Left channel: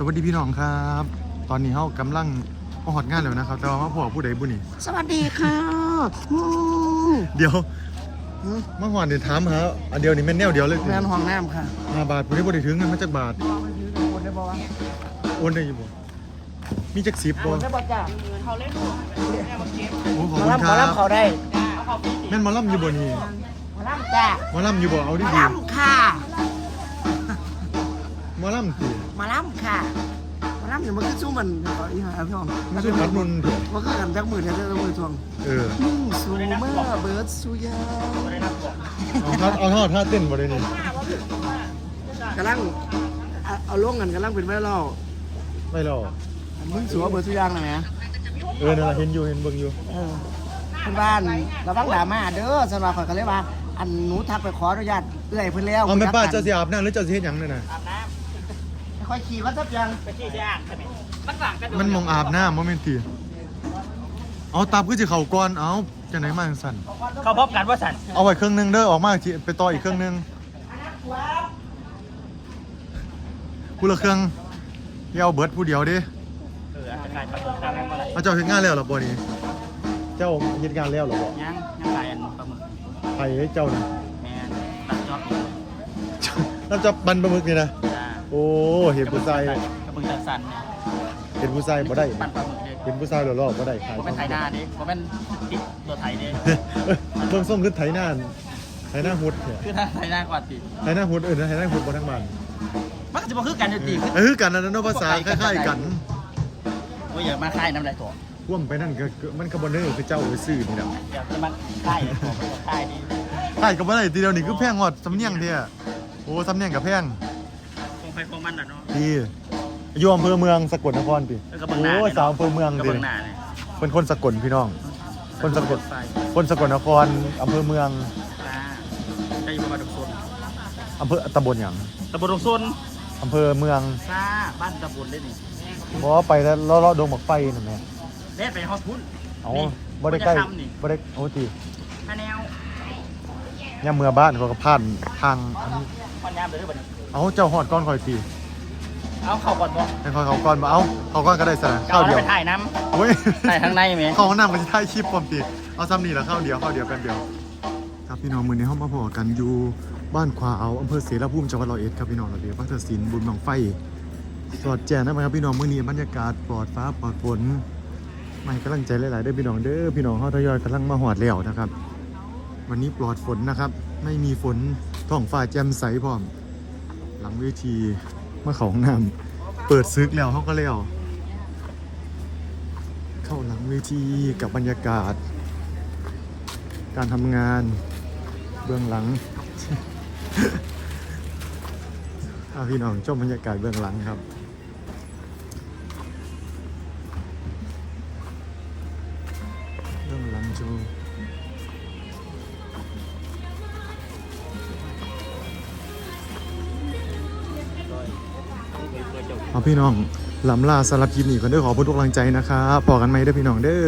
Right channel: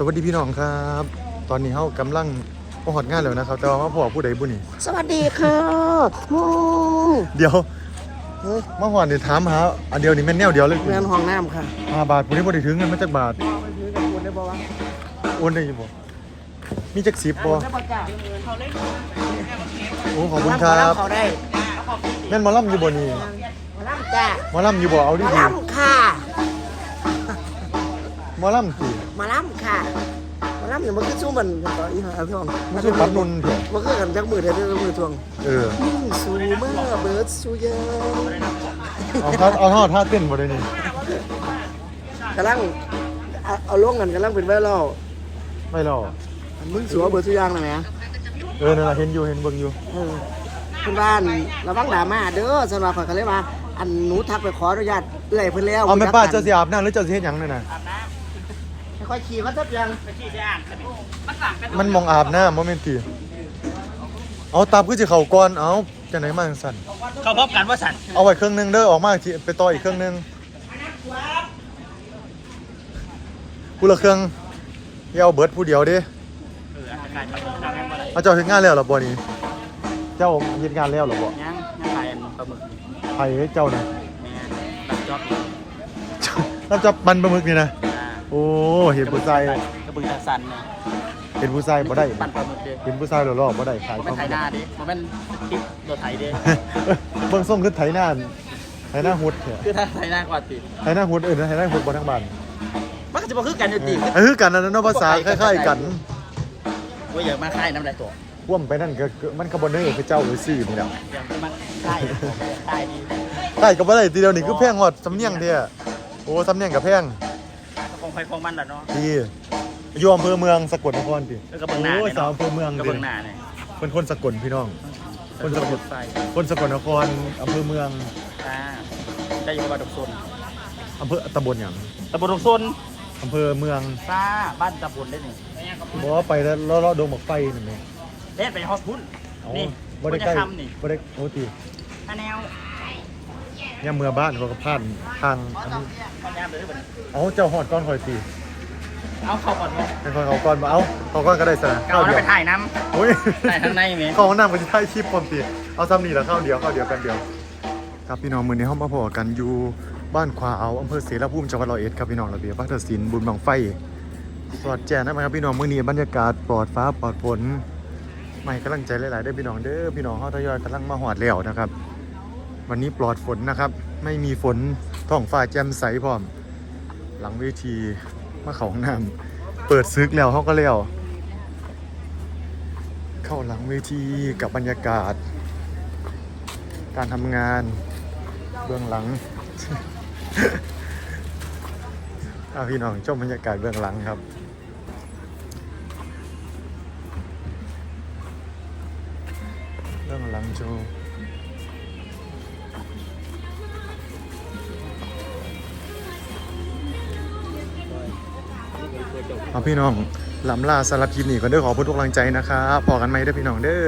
สวัสดีพี่น้องครับ ตอนนี้เขากำลังมาหอดงานแล้วนะครับแต่ว่ามาพอผู้ใดบุนี่สวัสดีค่ะโอ้เดี๋ยวเอ้ยมาหอดเนี่ยถามหาอันเดียวนี่แม่นแนวเดียวเลยแมนห้องน้ำค่ะห้าบาทผมนี่บ่ได้ถึงเงินมาจากบาทมอไปซื้อกับคุณได้บ่วะโอนได้อยังบ่มีจักสิบบ่ถ้าบอกจ่ายเดือนเงินเขาเล่นโอ้ขอบคุณครับเขาได้แม่นหมอลำอยู่บ่นี่มาล่ำจ้าหมอลำอยู่บ่เอาดิมาดีล่ำค่ะ หมอลำสิมาล่ำค่ะมาล่ำอย่ามาขึ้นสู้มันต่ออีหาพี่น้องไม่ใช่ปัดนนท์ดิมาขึ้นกันจักมือเดียวเดียวมือทวงเออนิ่งสูเมื่อเบิร์ดสูเยอะเอาท่าเอาท่าท่าเต้นบ่ได้นี่กำลังเอาเอาลงกันกำลังเป็นไวรัลไม่หรอกมึงสัวเบิร์ดสุยางนะแหม เออนั่นล่ะเห็นอยู่เห็นเบิ่งอยู่เออเพื่อนบ้านระวังดราม่าเด้อสำหรับข่อยก็เลยว่า อันหนูทักไปขออนุญาตเอื้อยเพิ่นแล้วเอาแม่รู้จักป้ากันเจ้าสิอาบน้ำหรือเจ้าสิเฮ็ดหยังนั่นน่ะ ไม่ค่อยขี่เขาทับยังมันมองอาบน้ำโมเมนตีเอาตับคือจะเข่าก่อนเอาจะไหนมาจังสั่นเขาพบกันว่าสันเอาไว้เครื่องหนึงเด้อออกมาสิไปต่ออีกเครื่องหนึงผู้ละเครื่องเดี๋ยวเอาเบิร์ดผู้เดียวเด้เอออาการประเมินครับเอาเจ้าเฮ็ดงานแล้วเหรอบ่นี้เจ้าเฮ็ดงานแล้วเหรอบ่ยังยังขายอันปลาหมึกไผเจ้านี่แม่นรับจอบอยู่แล้วจะมันปลาหมึกนี่นะจ้า โอ้เห็นกระเบื้ผู้องชายตาสันกระเบื้องตาสันเนี่ยเห็นผู้ชายบ่ได้ปั่นปลาหมึกเด้เห็นผู้ชายหล่อๆบ่ได้ขายผมเป็นไถนาดิผมเป็นคลิปรถไถเด้เบิ่งส่งคือไถหน้าไถหน้าหุดแท้คือถ้าไถนากว่าติไถหน้าหุดเออไถหน้าหุดบ่ทั้งบ้านมันก็จะมาคือกันอยู่ติเออกันนะเนาะภาษาคล้ายๆกันว่าอย่ามาคล้ายน้ำลายตัวว่วมไปนั่นก็ก็มันก็บ่ได้คือเจ้าไว้ซื้อนี่แหล้วอย่าจะมาคล้ายตัวก็อย่าคล้ายดีใช่ก็บ่ได้ทีเดียวนี่คือแพงฮอดสำเนียงเด้อโอ้สำเนียงกับแพง คงใครคงมันแหละเนาะพี่อยู่อำเภอเมืองสกลนครพี่เออกระเบื้องหน้าโอ้ยเนี่ยสาวเนาะอำเภอเมืองกระดิเบื้องหน้าเนี่ยเป็นคนสกลพี่น้อง คนสะกด ไฟคนสกลนครอำเภอเมืองอ่าจะอยู่ประมาณดอกโซนอำเภอตำบลหยังตำบลดอกโซนอำเภอเมืองซ่าบ้านตำบลได้หนึ่งบ่ว่าไปแล้วเลาะๆดงบักไฟนั่นแหละเล่นไปฮอสพุนเอานี่บ่ได้ใกล้คุณจะทำนี่บ่ได้โอ้ติถ้าแนว ย่ามเมือบ้านเขาก็ผ่านทางอันนี้มันยามเดี๋ยวนี้บัดนี้เอาเจ้าฮอดก่อนข่อยติเอาเข้าก่อนเลยให้ข่อยเขาก่อนบ่เอาเขาก่อนก็ได้ซะนะข้าวเดียวไปถ่ายน้โอ้ยำถ่ายข้างในไหมเข้าห้องน้ำก็จะถ่ายคลิปปอมตีเอาซ้ำนี่ละเข้าเดียวเข้าเดียวกันเดียว ครับพี่น้องมือนี้ห้องมาพอกันอยู่บ้านควาเอาอำเภอเสรภูมิจังหวัดร้อยเอ็ดครับพี่น้องระเบียบวัฒนศิลป์บุญบังไฟสอดแจ้งได้ไหมครับพี่น้องมื้อนี้บรรยากาศปลอดฟ้าปลอดฝน ไม่กำลังใจหลายๆได้อพี่น้องเด้อพี่น้องเขาทยอยกำลังมาหอดแล้วนะครับ วันนี้ปลอดฝนนะครับ ไม่มีฝนท้องฟ้าแจ่มใสพร้อม หลังเวทีเมื่อของน้ำเปิดซึกแล้วเขาก็แล้วเข้าหลังเวทีกับบรรยากาศ การทำงานเบื้องหลังอาพี่น้องชมบรรยากาศเบื้องหลังครับเบื้องหลังโชว์ เอาพี่น้องลำลาสารพินนี่ก็เด้อขอพูดทุกกำลังใจนะครับพอกันไหมเด้อพี่น้องเด้อ